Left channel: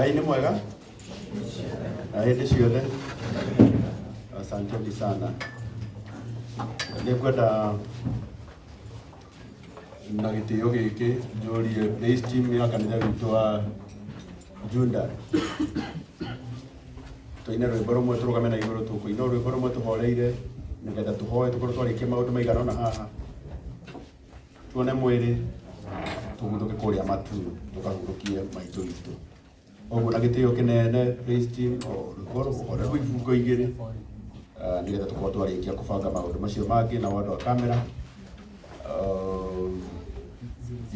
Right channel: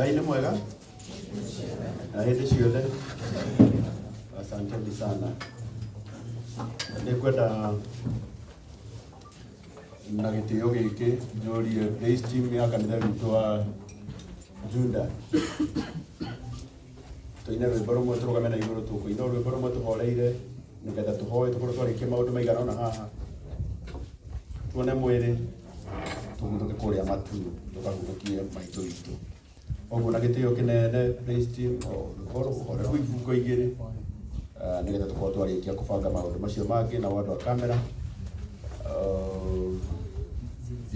Ngai nĩ mwega na hĩndĩ ciothe. Asanteni sana. Nĩngwenda na gĩtĩo gĩkĩ njũrie praise team ya kanitha witũ wa Junda. Tũine rwĩmbo rũmwe tũrũgame na igũrũ, tũkũina rwĩmbo rũmwe tũhoreire nĩgetha tũhoe tũkorwo twarĩkia maũndũ maigana ũna haha, tuone mwĩrĩ tũhurũke kũrĩa matu tũkahurũkie maitũ witũ. Ũguo na gĩtĩo kĩnene praise team ũhore rwĩbungo igĩrĩ nĩgetha tũkorwo twarĩkia kũbanga maũndũ macio mangĩ na wandũ wa kamera.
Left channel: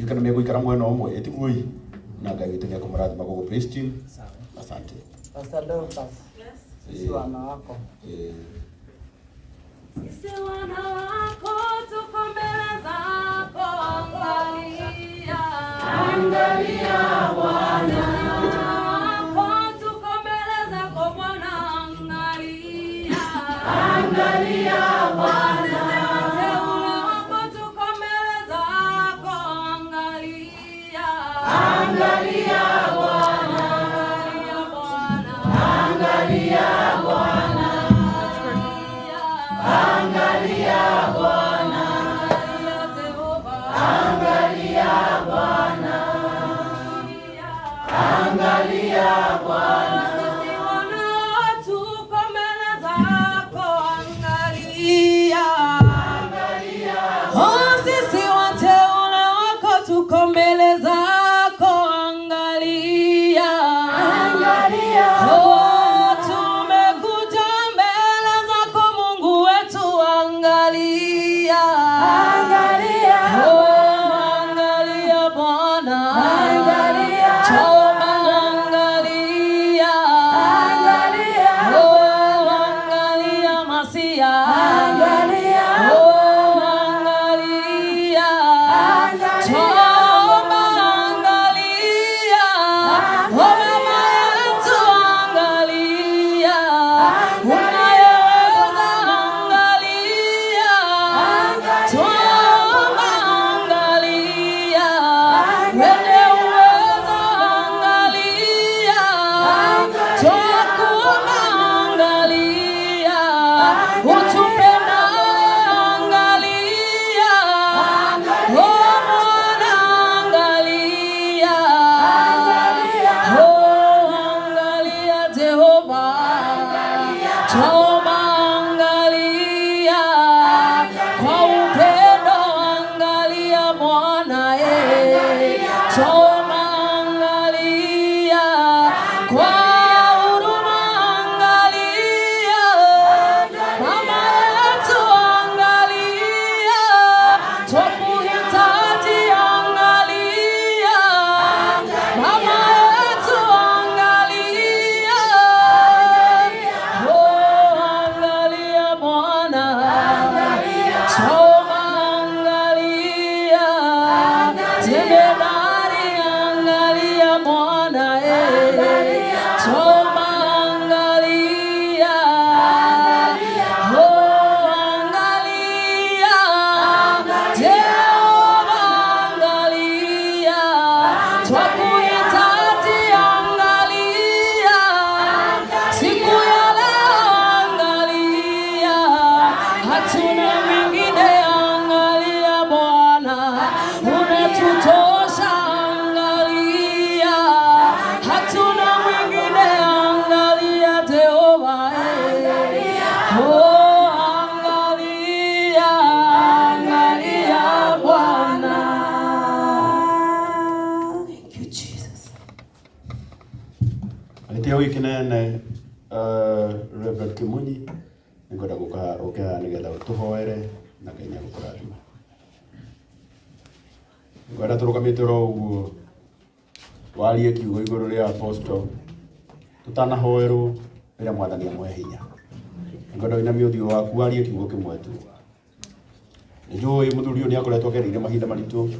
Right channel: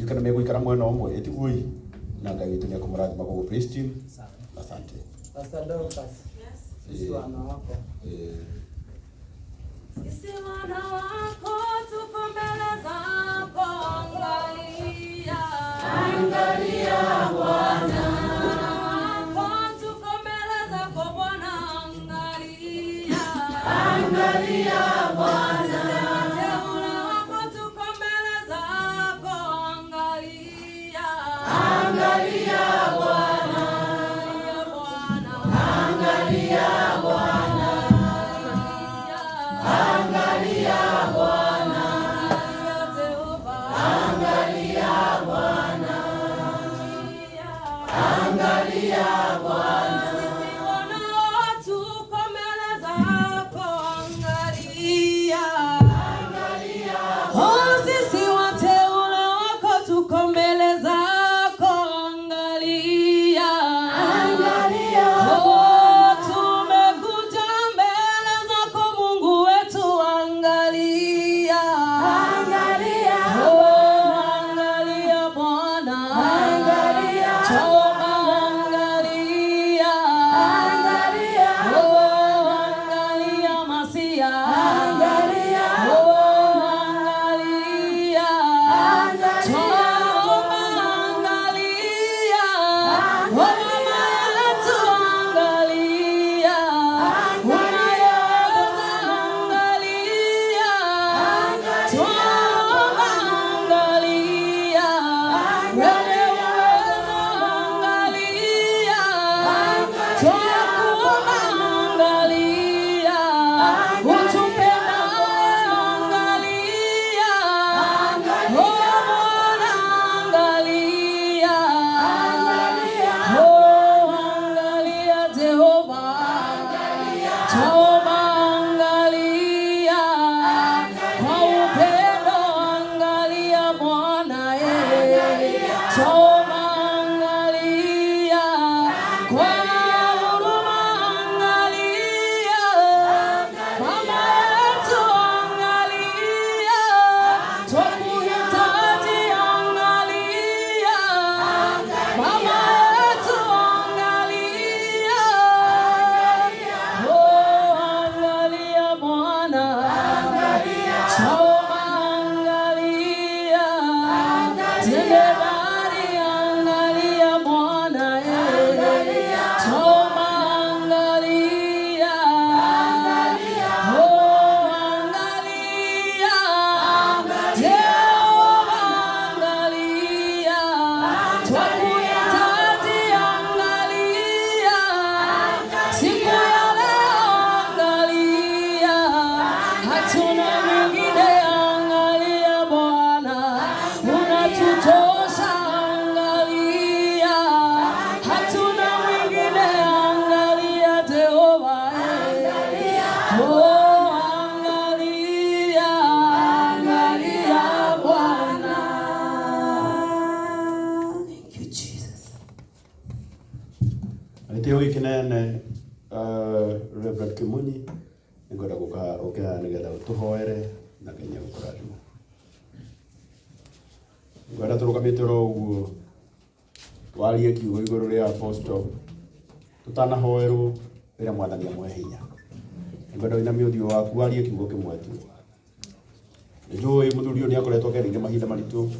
Kana megũikara mwena ũmwe ĩtiguoi na Ngai witũ nĩekũmũrathima gũkũ praise team. Asante. Pastor Dorcas. Sisi wana wako. Sisi wana wako tuko mbele zako, angalia. Angalia Bwana. Wako tuko mbele zako Bwana, angalia. Angalia Bwana. Teule wako tuko mbele zako, angalia. Angalia Bwana. Angalia Bwana. Angalia Bwana, angalia Bwana, angalia Bwana. Sisi wana tuko mbele zako, angalia, angalia. Oh, sisi wateule wako tuko mbele zako, angalia, angalia. Oh, gĩtĩo gĩkĩ nene Reverend Kimunyi nĩngwenda gũka nĩgetha tũhoere na Ngai nĩegũkũrathima. Ngwenda tũrũgamĩte oro ũguo warie kiugo igũrũ rĩa apostle tũtanahoerwo rĩrĩa Mwathani amwe hinya. Ngwenda wĩnamie ũthiũ waku warie kiugo kĩmwe tu. Nĩnjũĩ mũthuri ũyũ nĩakoretwo agereire mahinda maritũ,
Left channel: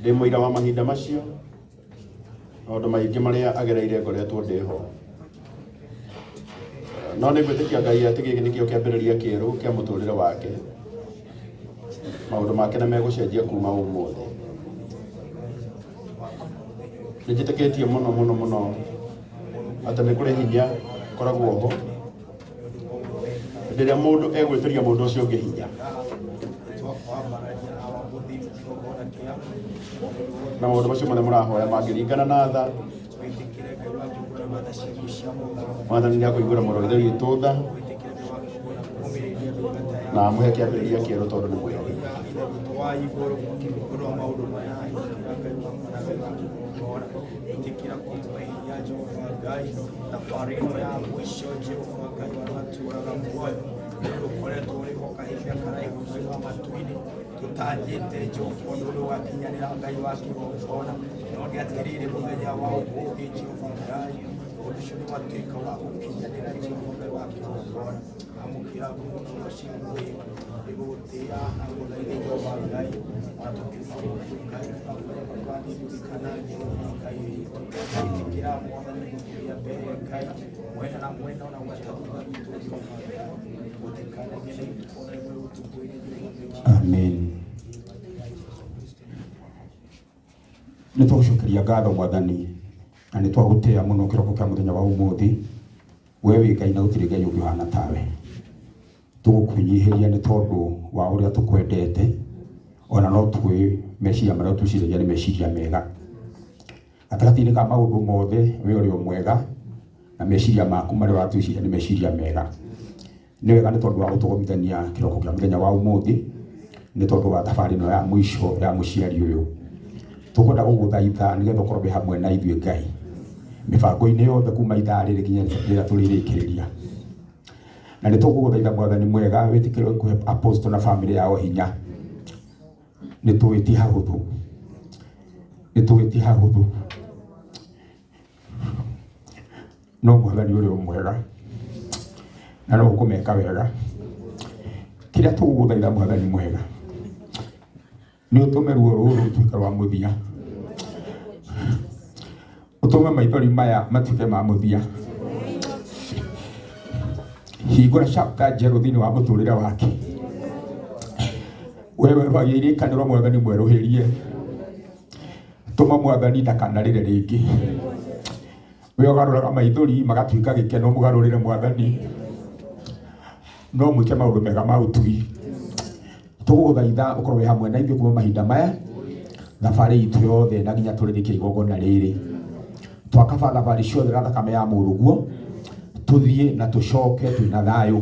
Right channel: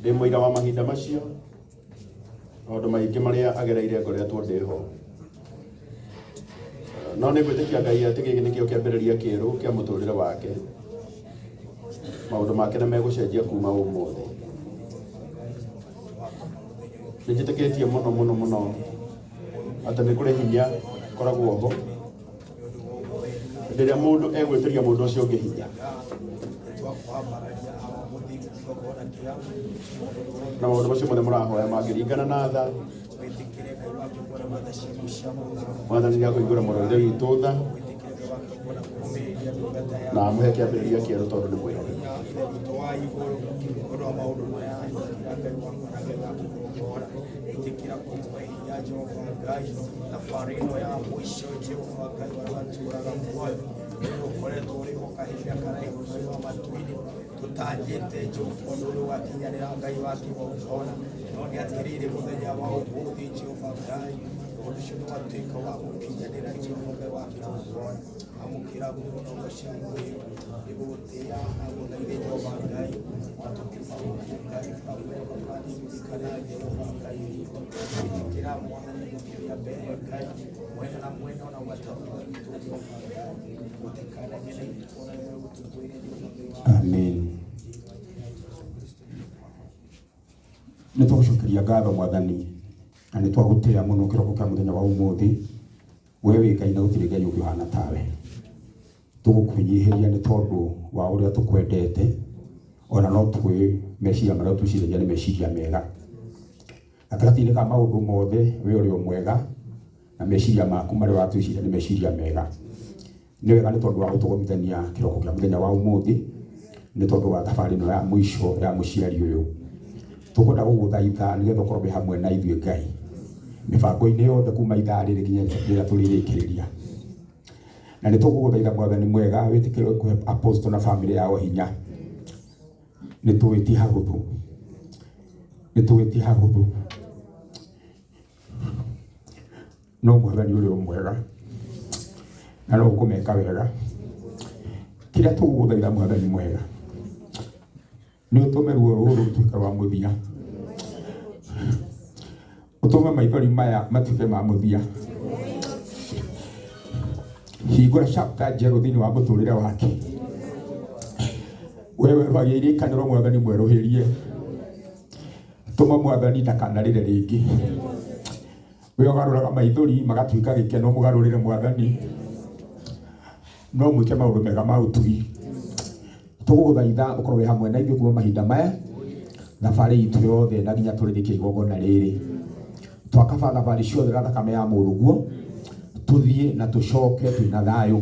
ndĩ mũira wa mahinda macio, maũndũ maingĩ marĩa agereire ngoretwo ndĩho. No nĩngwĩtĩkia Ngai atĩ gĩkĩ nĩkĩo kĩambĩrĩria kĩerũ kĩa mũtũrĩre wake. Maũndũ make nĩmegũcenjia kuma ũmũthĩ. nĩ njĩtĩkĩtie mũno atĩ nĩ kũrĩ hinya koragwo ho hĩndĩ ĩrĩa mũndũ egwĩtĩria mũndũ ũcio ũngĩ hinya, na maũndũ macio mothe mũrahoya mangĩringana na tha. Mwathani nĩ akũhingũra mũro ithe witũ tha na amũhe kĩambĩrĩria kĩerũ tondũ nĩ mwega. tutangite Jehova nduru wakinyanira Ngai wa kigongona no ni atirire muthenya wa ũmũthĩ Jehova Ngai ũcio nĩ watuĩka wa gũkinyanĩra Jehova Ngai wa kigongona amũkĩra mũno ũcio igũgũtĩa na gũthaitha Jehova Ngai na tũkiuma gũkũ Ngai tũkaririkana Jehova Ngai ikĩra mwathani gũthiĩ mbere Ngai mwena na mwena na gwatathũra witũ Jehova Ngai gũtikana ngene itũra imwe ũtukũ-inĩ. Amen. Nĩ tũgũcokeria ngatho Mwathani na nĩ twagũtĩa mũno kĩroko kĩa mũthenya wa ũmũthĩ. We wĩ Ngai na gũtirĩ Ngai ũngĩ ũhana tawe. Tũgũkwĩnyihĩria nĩ tondũ wa ũrĩa tũkwendete, ona no tũĩ meciria marĩa twĩciragia nĩ meciria mega. Gatagatĩ-inĩ ka maũndũ mothe we ũrĩ o mwega na meciria maku marĩa watwĩciria nĩ meciria mega. Nĩ wega nĩ tondũ wa gũtũgomithania kĩroko kĩa mũthenya wa ũmũthĩ, nĩ tondũ wa thabarĩ ĩno ya mũico ya mũciari ũyũ. Tũkwenda gũgũthaitha nĩgetha ũkorwo hamwe na ithuĩ Ngai mĩbango-inĩ yothe kuma ithaa rĩrĩ nginya rĩrĩa tũrĩrĩkĩrĩria. Na nĩ tũgũgũthaitha Mwathani mwega wĩtĩkĩre kũhe apostle na famĩlĩ yao hinya. Nĩ tũĩ ti hahũthũ, no Mwathani ũrĩ o mwega na no ũkũmeka wega. Kĩrĩa tũgũgũthaitha Mwathani mwega nĩ ũtũme ruo rũrũ rũtuĩke rwa mũthia, ũtũme maithori maya matuĩke ma mũthia. Hingũra chapter njerũ thĩinĩ wa mũtũrĩre wake. Wewe rwagia iririkano Mwathani mwerũhĩrie, tũma Mwathani ndakanarĩre rĩngĩ. We ũgarũraga maithori magatuĩka gĩkeno, mũgarũrĩre Mwathani no mwĩke maũndũ mega ma ũtui. Tũgũgũthaitha ũkorwo wĩ hamwe na ithuĩ kuma mahinda maya, thabarĩ itũ yothe na nginya tũrĩrĩkie igongona rĩrĩ. Twakaba thabarĩ ciothe na thakame ya mũrũguo, tũthiĩ na tũcoke twĩna thayũ.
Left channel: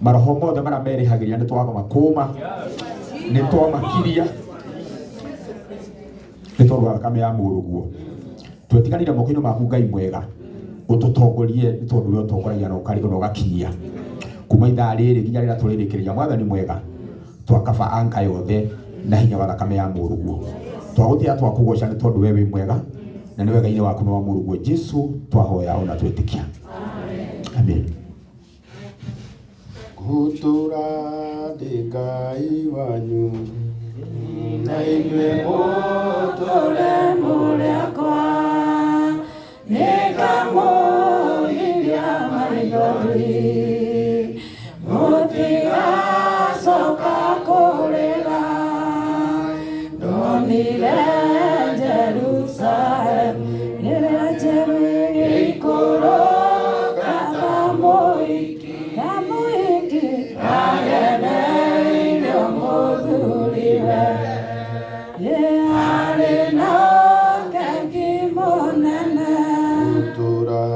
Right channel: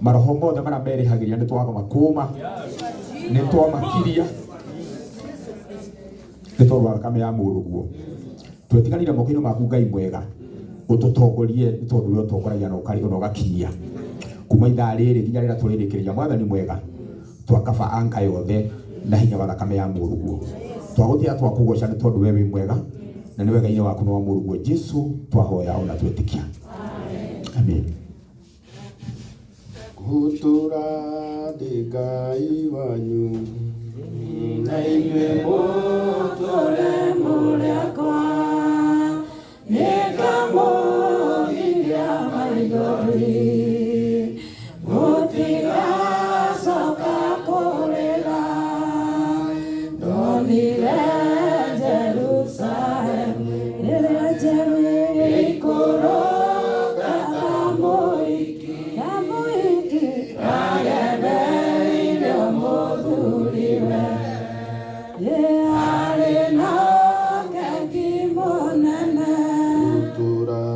Maroho mothe marĩa merĩhagĩria nĩ twatho makũma, nĩ twamakiria nĩ tondũ wa thakame ya mũrũguo. Twetiganire moko-inĩ maku Ngai mwega, ũtũtongorie nĩ tondũ we ũtongoragia na ũgakinyia kuma ithaa rĩrĩ nginya rĩrĩa tũrĩrĩkĩrĩria. Mwathani mwega, twakaba anga yothe na hinya wa thakame ya mũrũguo. Twagũtĩa twakũgoca nĩ tondũ we wĩ mwega na nĩ wega-inĩ waku nĩ wa mũrũguo Jesu twahoya ona twĩtĩkia. Amen. Gũtũra ndĩ Ngai wanyu na inyuĩ mũtũre mũrĩakwa nĩngamũgiria maithori mũtigacoka kũrĩra ndonire Jerusalemu ĩrĩa njerũ ĩikũrũka ta mũhiki ageneire mũthuriwe arĩ na ũkengi mũnene. Gũtũra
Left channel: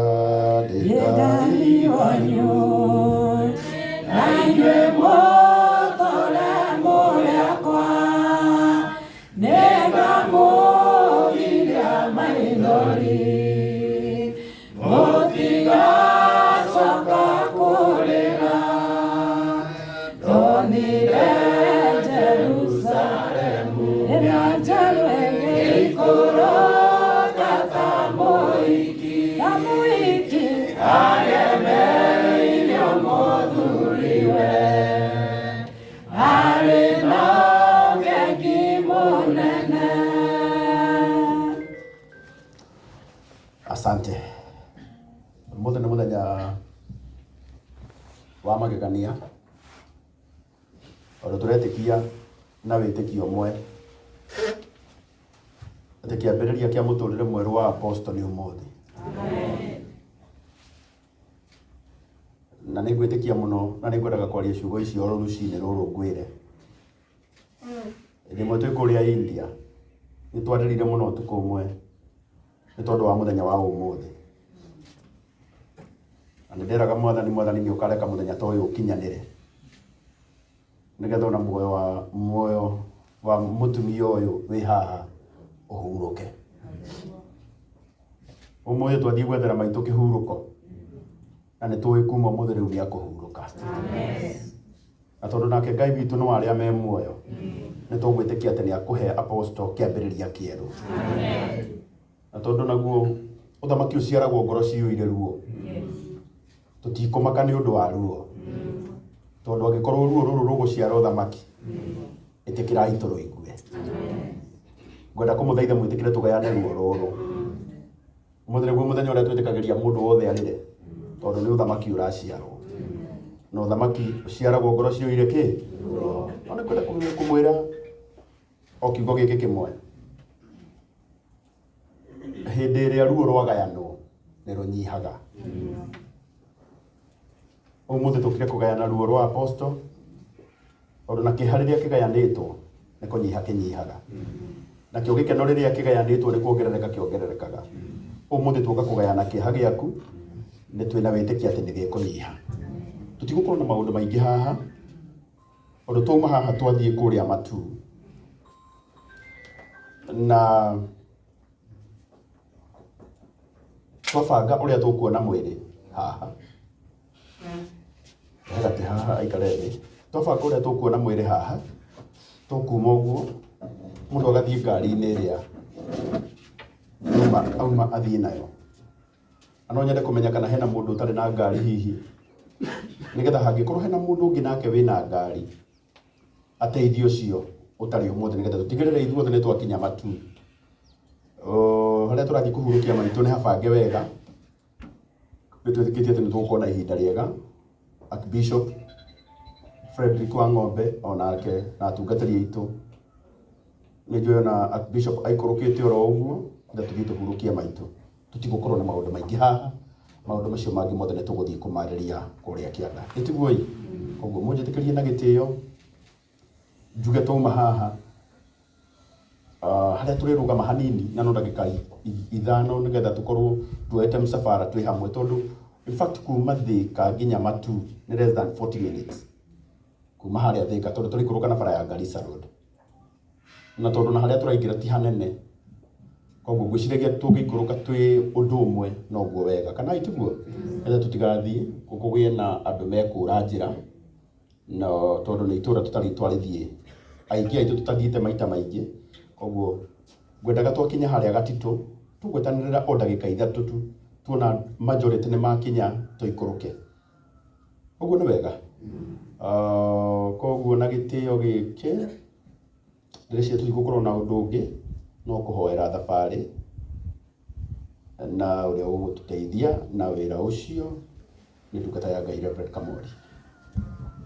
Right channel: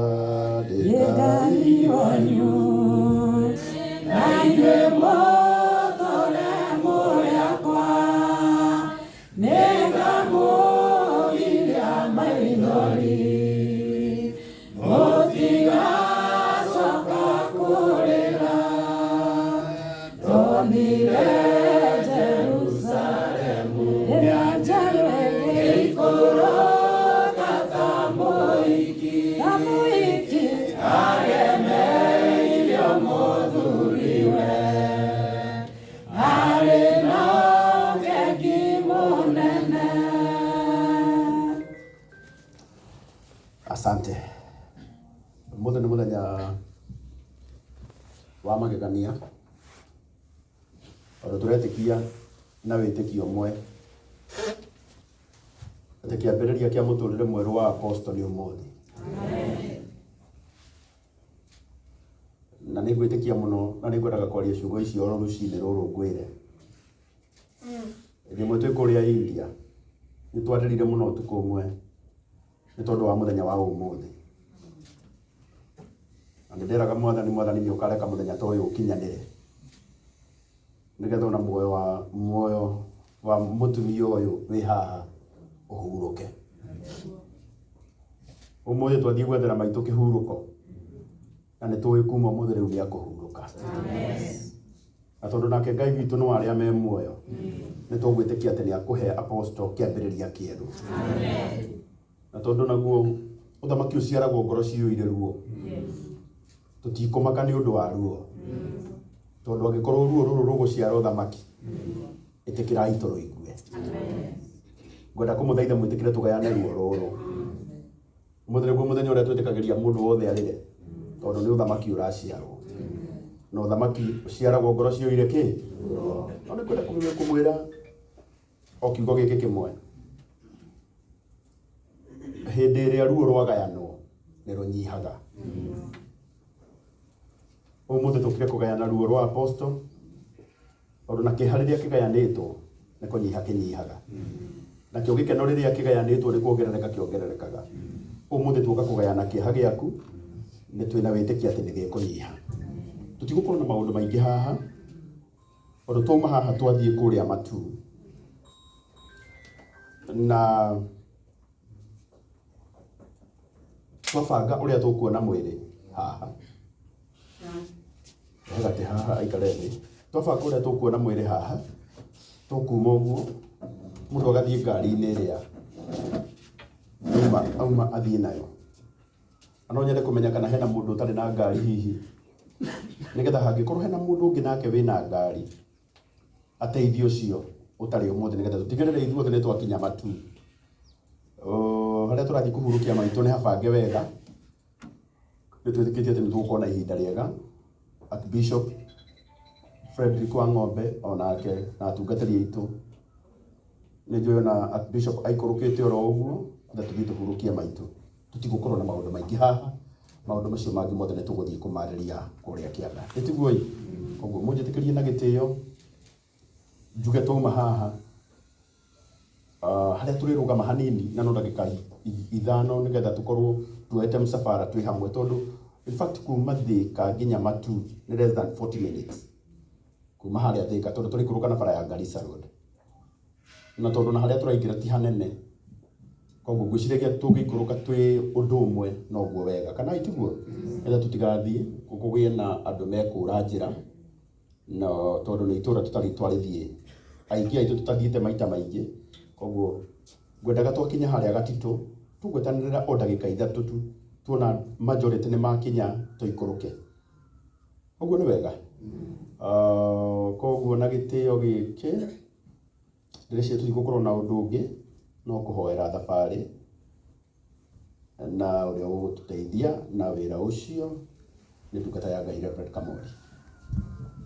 ndĩ Ngai wanyu na inyuĩ mũtũre mũrĩakwa nĩngamũgiria maithori mũtigacoka kũrĩra ndonire Jerusalemu ĩrĩa njerũ ĩikũrũka ta mũhiki ageneire mũthuriwe arĩ na ũkengi mũnene. Asante. Mũthenya nĩ mũthenya wa magegania, tondũ tũretĩkia na wĩtĩkio ũmwe atĩ kĩambĩrĩria kĩa mũtũrĩre mwerũ wa apostle nĩ ũmũthĩ. Na nĩ ngwĩtĩkia mũno na nĩ ngwendaga kwaria ciugo icio oro rũcinĩ rũrũ ngwĩre. Ĩmwe twĩ kũrĩa India nĩ twarĩrire mũno ũtukũ ũmwe nĩ tondũ wa mũthenya wa ũmũthĩ. Na nĩ nderaga Mwathani nĩ ũkareka mũthenya ta ũyũ ũkinyanĩre, nĩgetha ona muoyo wa mũtumia ũyũ wĩ haha ũhurũke. Ũmũthĩ twathiĩ gwethera maitũ kĩhurũko, na nĩ tũĩ kuma ũmũthĩ rĩu nĩ akũhurũka. Na tondũ nake Ngai witũ no arĩa me muoyo, nĩ tũgwĩtĩkia atĩ nĩ akũhe apostle kĩambĩrĩria kĩerũ. Na tondũ naguo ũthamaki ũciaragwo ngoro ciyũire ruo, tũtikũmaka nĩ ũndũ wa ruo, tondũ angĩkorwo ruo rũrũ rũgũciara ũthamaki, ĩtĩkĩrai tũrũigue. Ngwenda kũmũthaitha mwĩtĩkĩre tũgayane ruo rũrũ. Ũmũthĩ nĩguo mũthenya ũrĩa twĩtĩkagĩria mũndũ wothe arĩre, tondũ nĩ ũthamaki ũraciarwo. Na ũthamaki ũciaragwo ngoro ciyũire kĩ? No nĩ ngwenda kũmwĩra o kiugo gĩkĩ kĩmwe. Hĩndĩ ĩrĩa ruo rwagayanwo nĩ rũnyihaga. Ũmũthĩ tũkire kũgayana ruo rwa apostle, tondũ na kĩeha rĩrĩa kĩgayanĩtwo nĩ kũnyiha kĩnyihaga. Nakĩo gĩkeno rĩrĩa kĩgayanĩtwo nĩ kuongerereka kĩongererekaga. Ũmũthĩ tuoka kũgayana kĩeha gĩaku, nĩ twĩna wĩtĩkia atĩ nĩ gĩkũnyiha. Tũtigũkorwo na maũndũ maingĩ haha, tondũ twauma haha twathiĩ kũrĩa matu. Na twabanga ũrĩa tũkuona mwĩrĩ haha. Gatĩ haha aikare thĩ. Twabanga ũrĩa tũkuona mwĩrĩ haha, tũkuma ũguo, mũndũ agathiĩ ngari-inĩ ĩrĩa auma athiĩ nayo. Na no nyende kũmenya kana hena mũndũ ũtarĩ na ngari hihi, nĩgetha hangĩkorwo hena mũndũ ũngĩ nake wĩna ngari, ateithio ũcio ũtarĩ ũmũthĩ, nĩgetha tũtigĩrĩre ithuothe nĩ twakinya matu. Harĩa tũrathiĩ kũhurũkia maitũ nĩ habange wega. Nĩ twĩtĩkĩtie atĩ nĩ tũgũkorwo na ihinda rĩega. Archbishop Frederick Wang'ombe onake na atungatĩri aitũ, nĩ njũĩ ona Archbishop aikũrũkĩte oro ũguo, na tũthiĩ tũhurũkie maitũ. Tũtigũkorwo na maũndũ maingĩ haha, maũndũ macio mangĩ mothe nĩ tũgũthiĩ kũmarĩria kũrĩa kĩanda. Nĩtiguo ũguo mũnjĩtĩkĩrie na gĩtĩo, njuge twauma haha harĩa tũrĩrũgama hanini na no ndagĩka ithano, nĩgetha tũkorwo tuoete msafara twĩ hamwe, tondũ in fact kuma Thika nginya Matu nĩ less than 40 minutes kuma harĩa Thika, tondũ tũrĩkũrũka na bara ya Garissa Road. Na tondũ na harĩa tũraingĩra ti hanene, koguo ngwĩciragia tũngĩikũrũka twĩ ũndũ ũmwe noguo wega, kana itiguo, nĩgetha tũtigathiĩ kũgĩe na andũ mekũra njĩra, na tondũ nĩ itũra tũtarĩ twarĩthiĩ aingĩ aitũ tũtathiĩte maita maingĩ. Koguo ngwendaga twakinya harĩa Gatitũ tũgwetanĩrĩra o ndagĩka ithatũ tu, tuona majority nĩ makinya tũikũrũke. Ũguo nĩ wega. Koguo na gĩtĩo gĩkĩ ndĩreciria tũtigũkorwo na ũndũ ũngĩ no kũhoera thabarĩ na ũrĩa ũgũtũteithia na wĩra ũcio nĩ ndungata ya Ngai Reverend Kamori.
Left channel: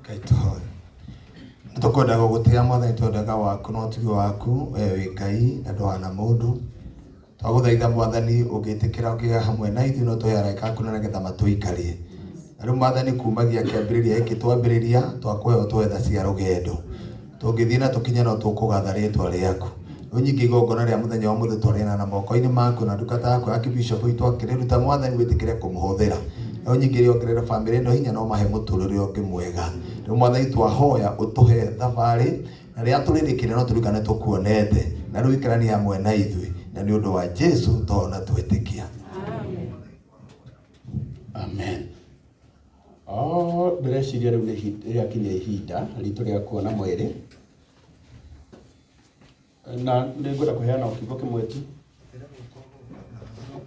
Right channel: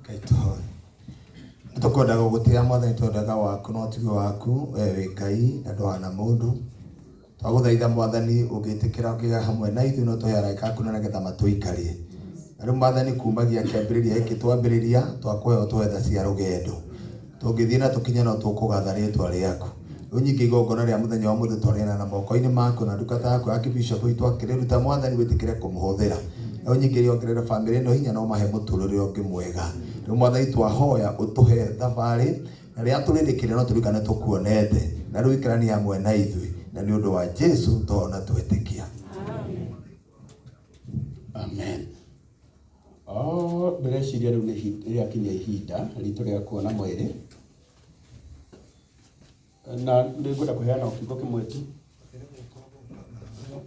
Ngai tũhoe. Nĩtũkwendaga gũgũtĩĩa Mwathani, twendaga waku no tuge waku we wĩ Ngai na ndũhana mũndũ. Twagũthaitha Mwathani ũngĩtĩkĩra ũkĩgĩa hamwe na ithuĩ no tũhe araika na nĩgetha matũikarie. Rĩu Mwathani kumagia kĩambĩrĩria gĩkĩ twambĩrĩria twakũhe ũtwetha cia rũgendo. Tũngĩthiĩ na tũkinye no tũkũgatha rĩtwa rĩaku. Rĩu nyingĩ igongona rĩa mũthenya wa mũthĩ twarĩana na moko-inĩ maku na ndungata yaku Archbishop witũ akĩrĩruta Mwathani wĩtĩkĩre kũmũhũthĩra. Rĩu nyingĩ rĩongerera bamĩrĩ ĩno hinya no mahe mũtũrĩre ũngĩ mwega. Rĩu Mwathani twahoya ũtũhe thabarĩ na rĩrĩa tũrĩrĩkĩrĩra no tũririkane tũkuonete na rĩu ikarania hamwe na ithuĩ, na nĩ ũndũ wa Jesu tũona twĩtĩkia. Amen. Ndĩreciria rĩu nĩ rĩakinya ihinda ritũ rĩa kuona mwĩrĩ, na nĩ ngwenda kũheana o kiugo kĩmwe tu.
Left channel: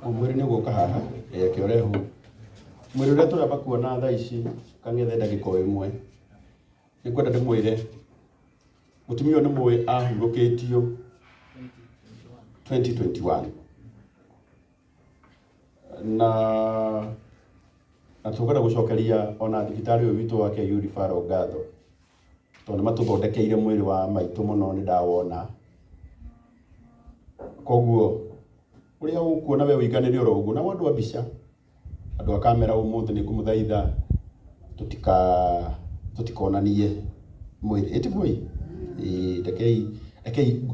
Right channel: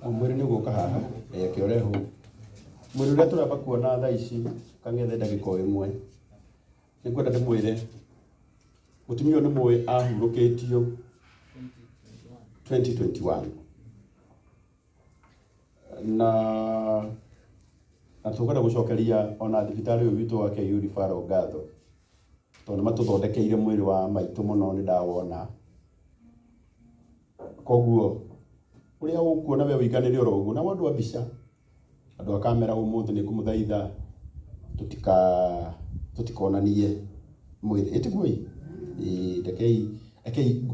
Mwĩrĩ nĩ ũgũka haha reke ũrehwo. Mwĩrĩ ũrĩa tũramba kuona thaa ici kang'ethe ndagĩka o ĩmwe, nĩ ngwenda ndĩmwĩre mũtumia ũyũ nĩ mũĩ ahurũkĩtio 2021 na tũkwenda gũcokeria ona thibitarĩ ũyũ witũ wa KU Referral ngatho, tondũ nĩ matũthondekeire mwĩrĩ wa maitũ mũno, nĩ ndawona koguo uria ukuona we wiganire oro uguo na wandu wa mbica andu a kamera umuthi ni kumuthaitha tutikonanie mwiri etigui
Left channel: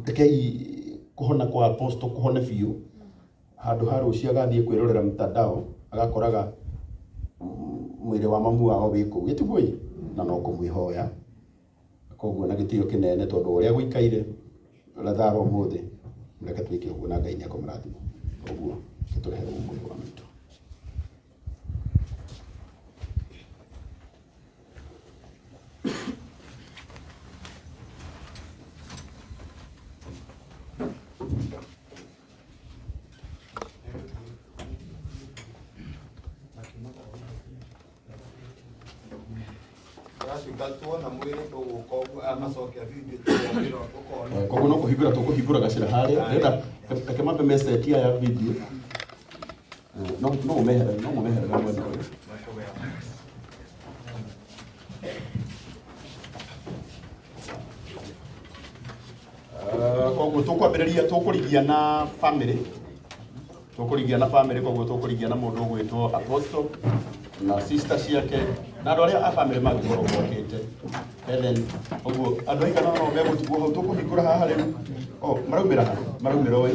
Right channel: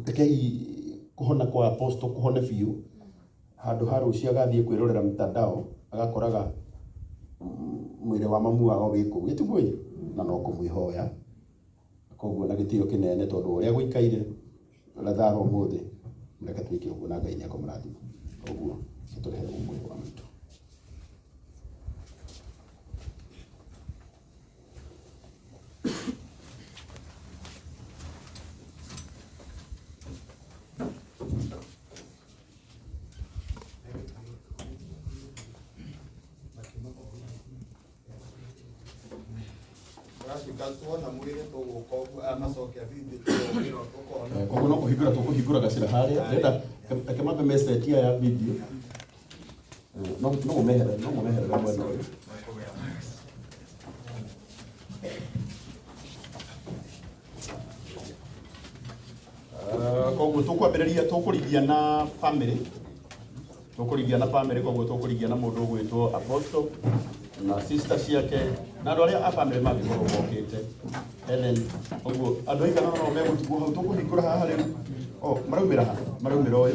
rekei kuhona kwa apostle kuhone biu handu haru cia gathie kwirorera mtandao agakoraga mwiri wa mamu wao wiku etigui na no kumwihoya koguo na gitio kinene tondu uria guikaire Lazaro umuthi reke twike uguo na Ngai ni akomrathima uguo turehe mwiri wa mitu. Koguo no kuhingura gacira haria renda reke mambe message ya video no umehere koguo tukurigia na family koguo tukurigia na mundu gwitwo Apostle na sister ciake na andu aria a family magukorwo mokite Helen koguo andu aigana no megutiguo hau tukuhingura haha riu maraumira uyu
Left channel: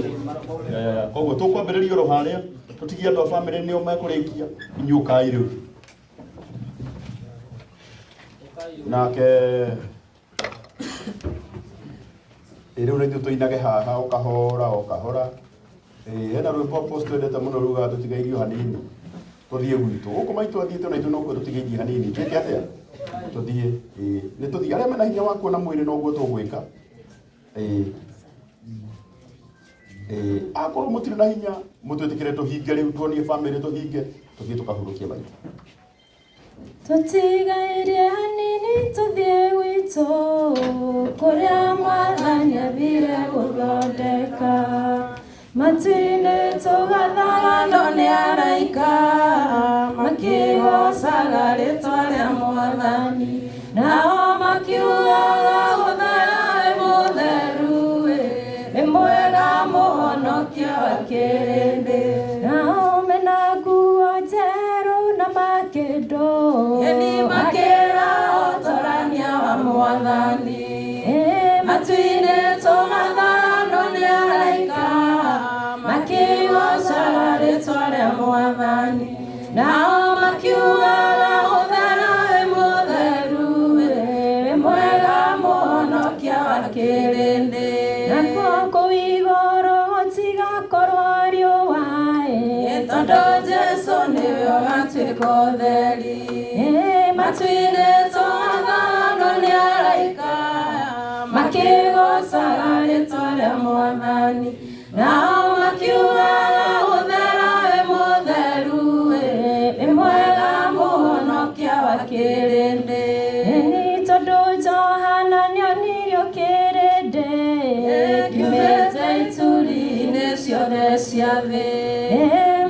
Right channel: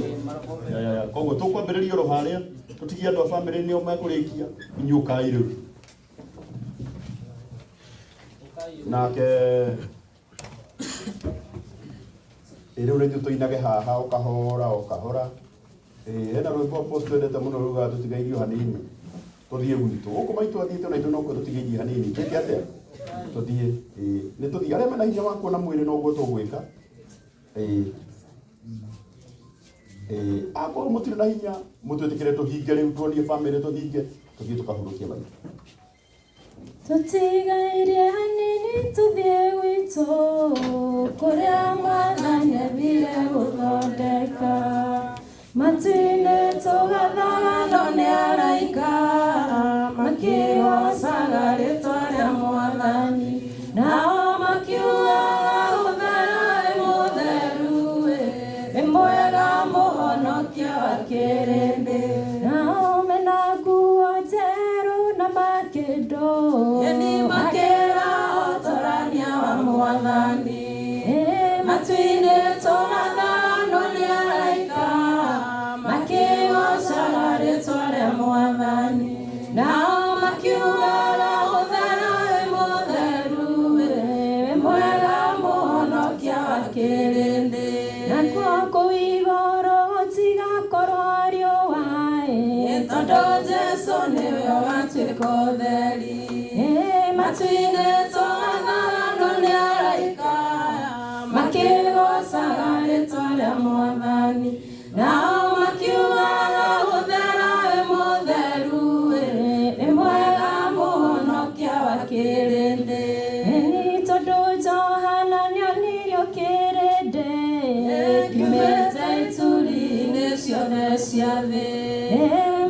koguo tukwambiriria ro haria tutigie andu a family nio mekurikia inyukai riu nake riu rindu tuinage haha ukahora ena rwimbo Apostle endete muno ruga tutigairio hanini tuthie gwitu guku maitu athiete na ithu no ku tutigairie hanini twike atia tuthie ni tuthie aria mena hinya wa kuona mwiri no guo tugwika akorwo mutire na hinya mutwetikire tuhinge riu tuonie family tuhinge tuthie tukahurukie maitho tutigairie hanini tuthie gwitu kuria Mwathani athire guthondeka matine tugathaga no ni araika makigocaga ritwa ria Mwathani nao makiugaga guthera mutheru ni mwega muhonokia wa kirindi nao mena nguo njeru na makindo yeni makira utorania wa Mwathani matine tugathaga no ni araika makigocaga ritwa ria Mwathani nao makiugaga guthera mutheru ni mwega muhonokia wa kirindi nakuo kuu iguru gutigakorwo riũa tondu Jesu niwe watuĩka ũtheri matu-inĩ tugathaga no nĩ araika makigocaga ritwa ria Mwathani nao makiugaga guthera we mutheru ni mwega muhonokia wa kirindi ni tondu Johana nĩonirio kirindi kiumĩte ituri-inĩ ciothe cia thĩ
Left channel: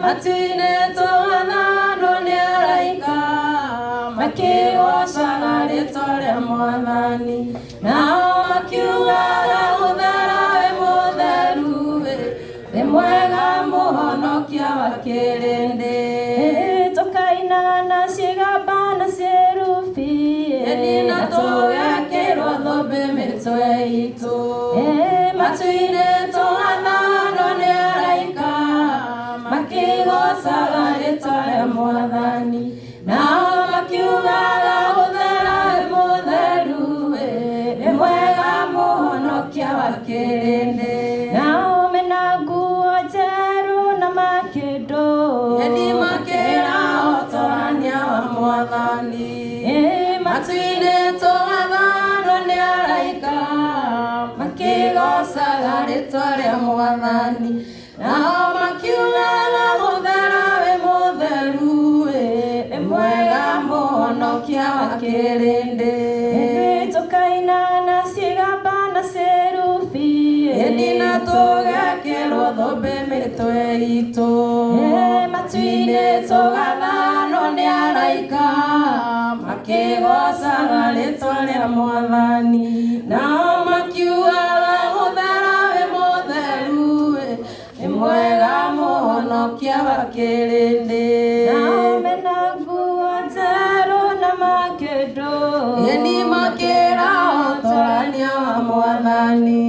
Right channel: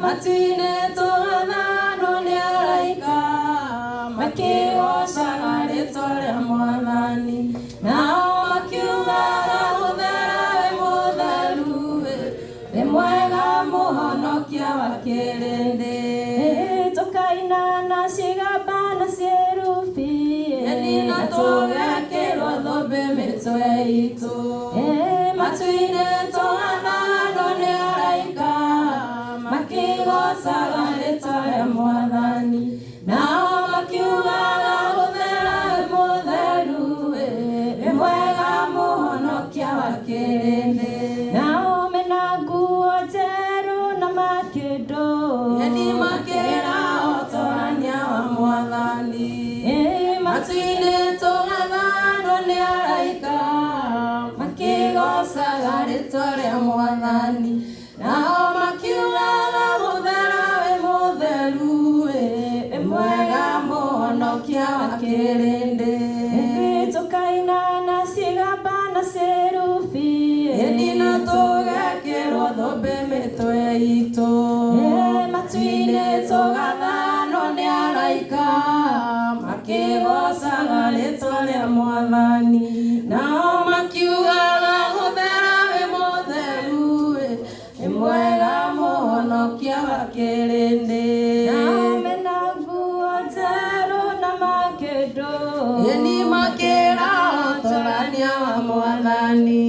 matu-inĩ tugathaga no nĩ araika makigocaga ritwa ria Mwathani nao makiugaga guthera we mutheru ni mwega muhonokia wa kirindi tukaina na ciĩgamba na cierubi na tũgekĩrwo thũmbĩ mĩtwe itũ matu-inĩ tugathaga no nĩ araika makigocaga ritwa ria Mwathani nao makiugaga guthera we mutheru ni mwega muhonokia wa kirindi nao mena nguo njeru na makindo yeni makira utorania wa Mwathani matu-inĩ tugathaga no nĩ araika makigocaga ritwa ria Mwathani nao makiugaga guthera we mutheru ni mwega kĩrĩndĩ. Nao mena nguo njerũ na makĩndũ, ni makĩra ũtongoria wa Mwathani.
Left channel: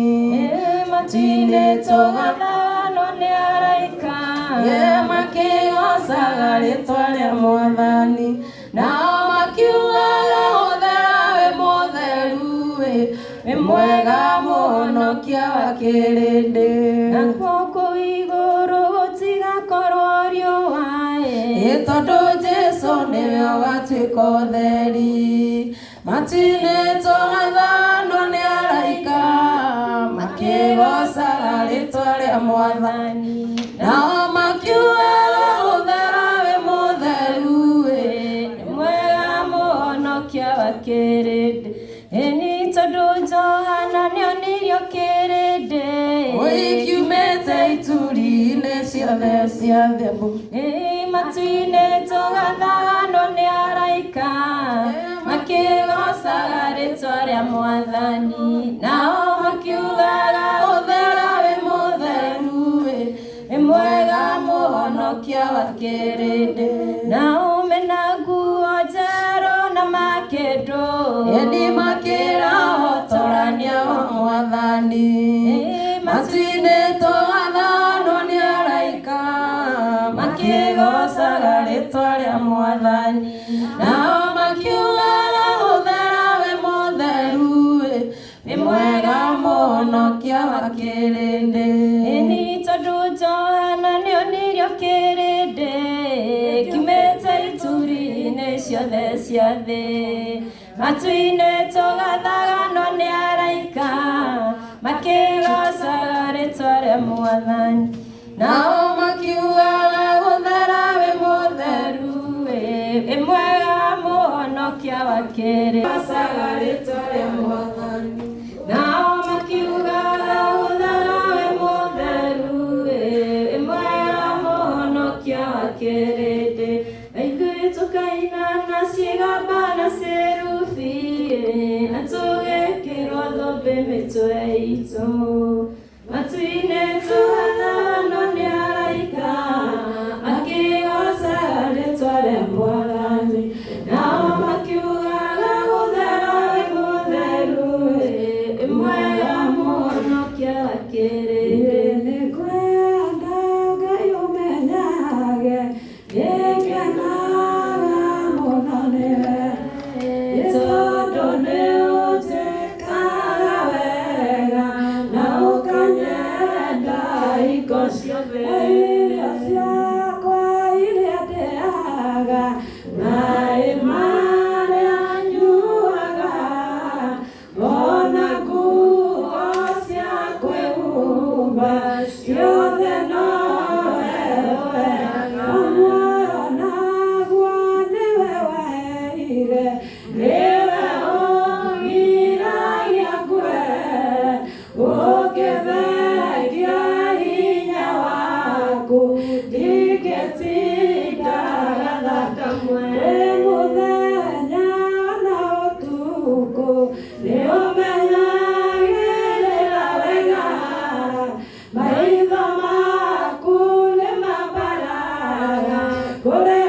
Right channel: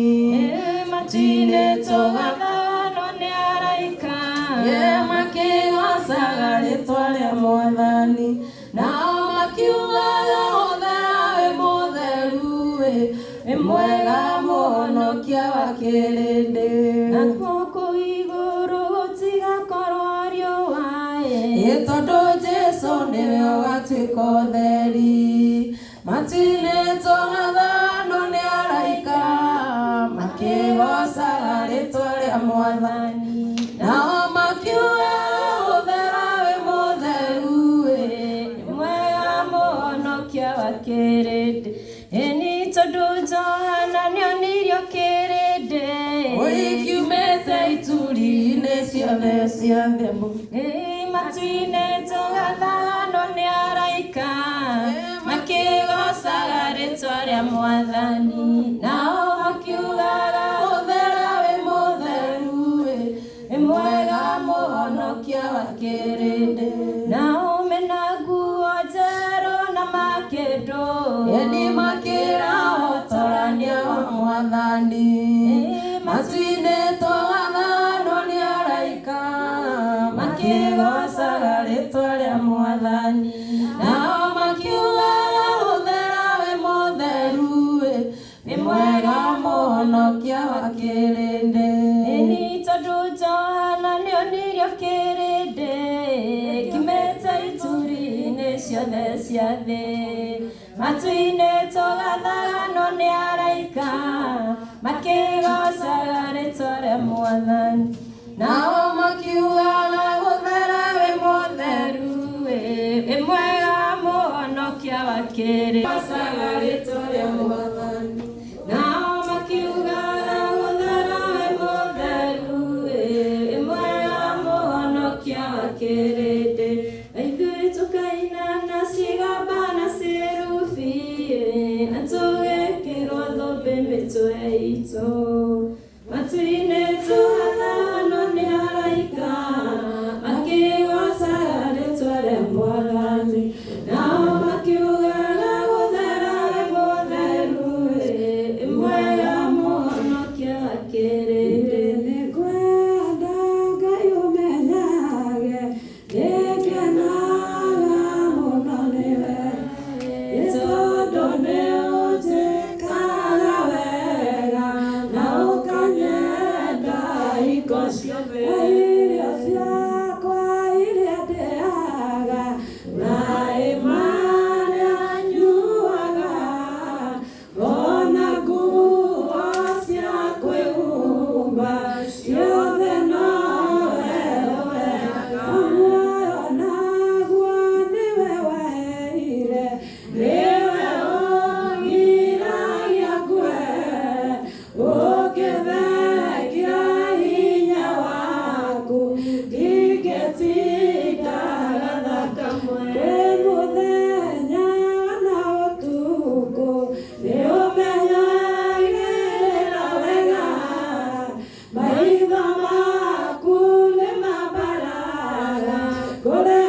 Matinĩtwo gathano nĩ araika, makĩgocaga rĩĩtwa rĩa Mwathani. Nao makiugaga ũthera wĩ mũtheru, wĩ mwega mũhonokia wa kĩrĩndĩ. Nakuo kũu igũrũ gũtigakorwo riũa, tondũ Jesũ nĩwe ũgatuĩka ũtheri. Matinĩtwo gathano nĩ araika, makĩgocaga rĩĩtwa rĩa Mwathani. Nao makiugaga ũthera wĩ mũtheru, nĩ mwega mũhonokia wa kĩrĩndĩ. Ĩni tondũ Johana nĩonirio kĩrĩndĩ, kiumĩte ituri-inĩ ciothe cia thĩ. Matinĩtwo gathano nĩ araika, makĩgocaga rĩĩtwa rĩa Mwathani. Nao makiugaga ũthera wĩ mũtheru, wĩ mwega mũhonokia wa kĩrĩndĩ. Nao mena nguo njerũ na makĩndũ, ni makĩra ũtongoria wa Mwathani. Matinĩtwo gathano nĩ araika, makĩgocaga rĩĩtwa rĩa Mwathani. Nao makiugaga ũthera wĩ mũtheru, nĩ mwega mũhonokia wa kĩrĩndĩ. Ĩni tondũ Johana nĩonirio kĩrĩndĩ, kiumĩte ituri-inĩ ciothe cia thĩ. Matinĩtwo gathano nĩ araika, makĩgocaga rĩĩtwa rĩa Mwathani. Nao makiugaga ũthera wĩ mũtheru, wĩ mwega mũhonokia wa kĩrĩndĩ. Gocaga rĩĩtwa rĩa Mwathani. Nao makiugaga ũthera wĩ mũtheru, wĩ mwega mũhonokia wa kĩrĩndĩ. Ithuĩ tũkaina na cigamba na cerubi, na tũgekĩrwo thũmbĩ mĩtwe itũ. Matinĩtwo gathano nĩ araika, makĩgocaga rĩĩtwa rĩa Mwathani. Nao makiugaga ũthera wĩ mũtheru, wĩ mwega mũhonokia wa kĩrĩndĩ. Nĩngwenda Ngai ũmenyage, nĩngenaga mũno nĩwe, tondũ nĩũnjĩkaga wega na ũkanyenda hingo ciothe. Irio ciakwa iria ndĩaga, maĩ marĩa nyuaga, ona nguo cia kwĩhumba, ciothe nowe wega. Muoyo naguo nĩwe waheire, nĩwe ũgiragia ngwe, ũngĩthengia hinya waku, ndingĩtinda gathaka mwe. Wĩ mũthenya na ũtukũ, nĩũmenyagĩrĩra wega, maitho maku nĩ mambaraga kũrĩ